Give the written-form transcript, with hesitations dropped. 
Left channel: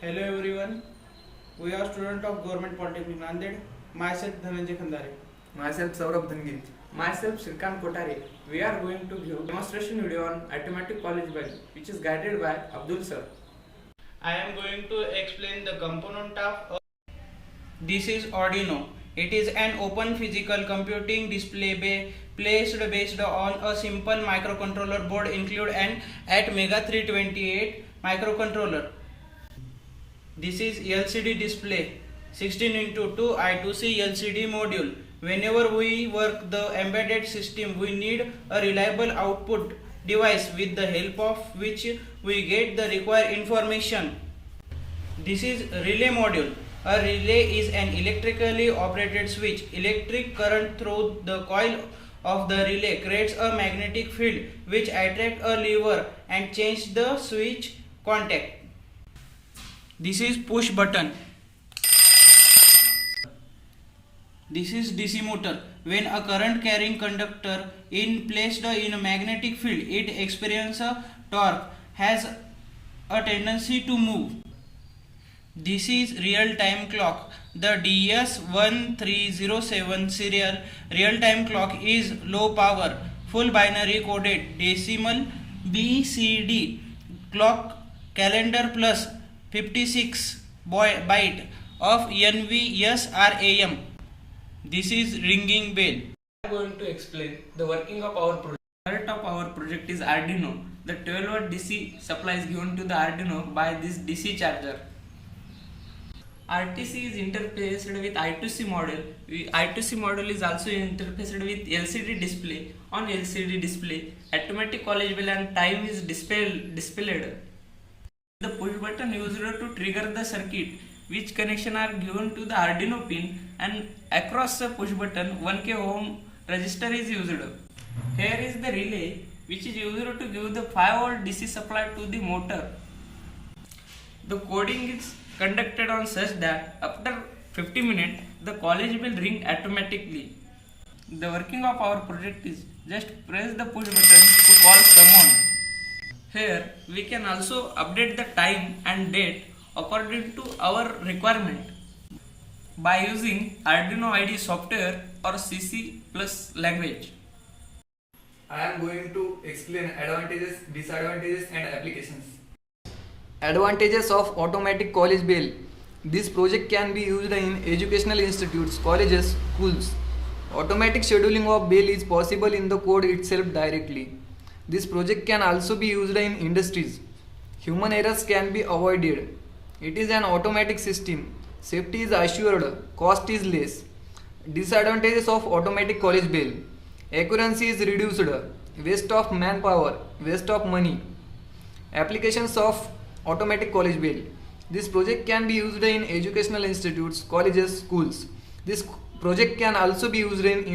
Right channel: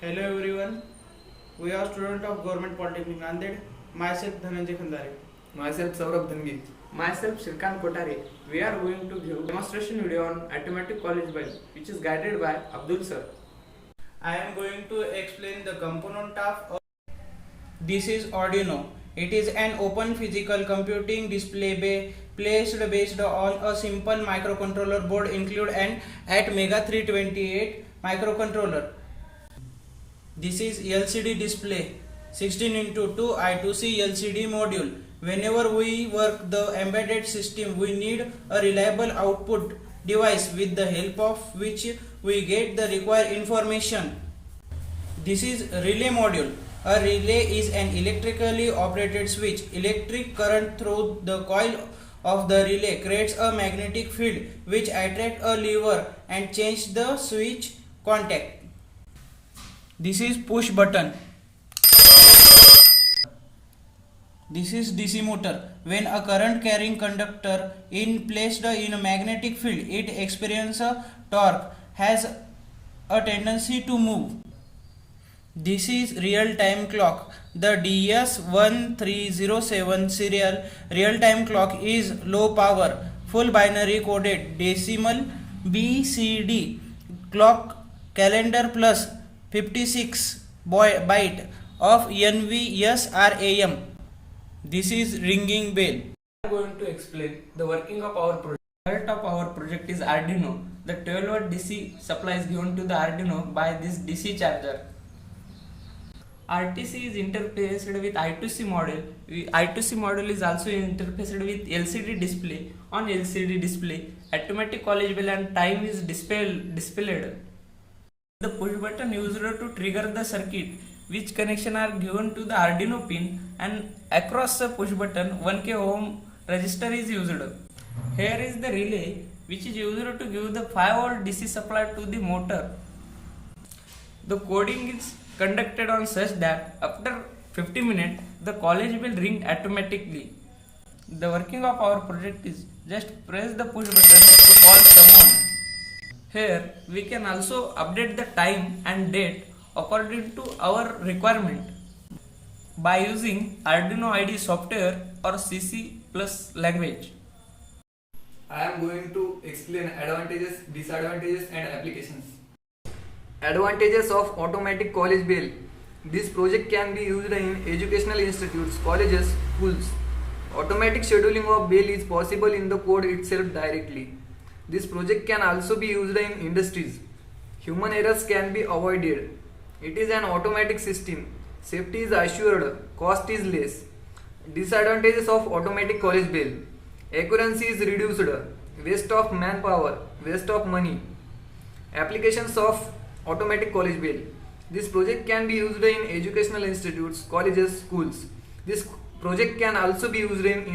Hello everyone, we are students of Government Polytechnic Nanded. Myself Dhananjay Khandare. Myself Saurabh Dhangi. Myself Shrikant Kotare. We are going to give demonstration video on Automatic College Bell, which is guided by Abdul sir. I am going to explain the component of. This is Arduino. It is an open physical computing display placed based on a simple microcontroller board include an Atmega 328 microcontroller. This is LCD display 16 into 2 I2C LCD module. Whenever we work the embedded system, we need a reliable output device with the help of which we get the required information. This is relay module. A relay is an electrically operated switch. Electric current through the coil of the relay creates a magnetic field which attracts a lever and change the switch contact. This is push button. This is DC motor. When a current carrying conductor is placed in a magnetic field, it experiences a torque, has a tendency to move. This is real-time clock. The DS1307 serial real-time clock is low power, full binary coded decimal BCD clock calendar plus 56 byte of NVSRAM. This is ringing bell. We are going to explain the working of our project. The heart of our project is Arduino. The 12-volt DC supply is given to the Arduino by this DC charger. RTC is interfaced with I2C model. I2C model is also interfaced with LCD display. On LCD display, automatic college bell and time is displayed. The push button used to trigger the circuit, which connection are given to the Arduino pin, and across the push button 1K ohm resistor is used. Here is the relay, which is used to give the 5-volt DC supply to the motor. The coding is conducted on such that after 50 minutes the college will ring automatically. The working of our project is just press the push button to call someone. Here we can also update the time and date according to our requirement by using Arduino IDE software or CC+ language. I am going to explain advantages, disadvantages and applications. Advantages of automatic college bell. This project can be used in educational institutes, colleges, schools. Automatic scheduling of bell is possible in the code itself directly. This project can also be used in industries. Human errors can be avoided. It is an automatic system. Safety is assured. Cost is less. Disadvantages of automatic college bell. Accuracy is reduced. Waste of manpower. Waste of money. Applications of automatic college bell. This project can be used in educational institutes, colleges, schools. This project can also be used in